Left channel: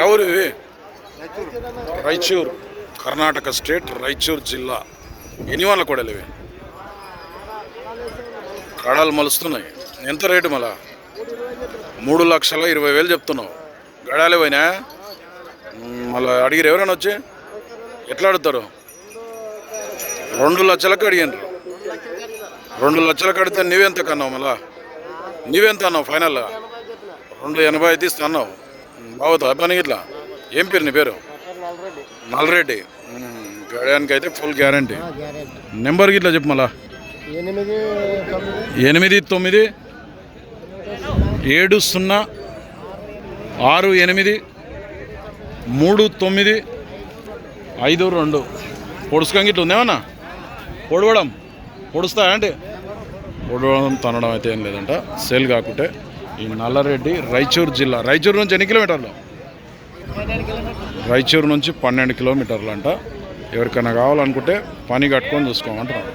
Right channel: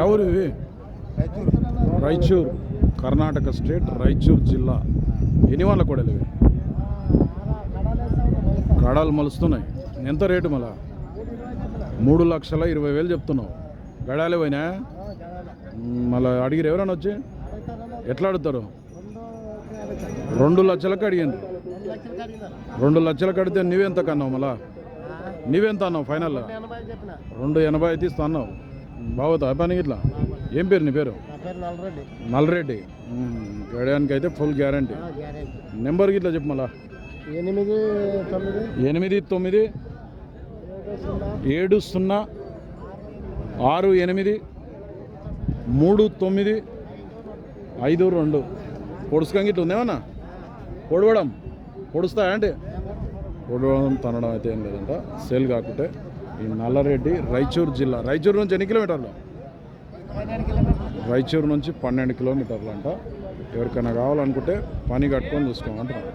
ఎవరు ఇవి? రాయచూర్, కర్ణాటక స్టేట్, రాయచూర్ జిల్లా. ఎన్ని వాళ్ళ కొడలు ఇవి? కడాలు మలుస్తున్నాయి. ఎంత రేటు మళ్ళా? 3,20,000 చెప్తున్నావు. గడాలే పోయినా మళ్ళీ అడిగిరు ఎవరైనా వచ్చి? ఎట్లా అడుగుతారు? 2 లక్షలకు అడిగారు. 2 లక్షలకు అడిగితే నువ్వెంత కన్నావు? మళ్ళా నువ్వెంత అన్నావు ఫైనల్గా? 2,80 అయితే ఇస్తా అన్నావు. బాగుతా పని ఇట్లా. ఏం పేరు నీ పేరు? నల్లరెడ్డి. గడియానికి అయితే ఫుల్ గ్యారంటీ. నెంబర్కి ఇట్లా చెప్పు మళ్ళా. 8970683952. పొడుచుకంగి ఇట్లా ఉందేమన్నా? పొడుస్తా అంటే పొడవడం తనడం అయితే ఏం లేదంట. సేల్ కాకుంటే ఈ నల్లరెడ్డి రాయచూర్ జిల్లా. రాయచూరు నుంచి ఎన్ని కిలోమీటర్లు? రాయచూరు నుంచి 12 కిలోమీటర్లు అంట. ఎవరికైనా కావాలనుకుంటే పని కట్టుకొని చూసుకోమంటున్నాడు.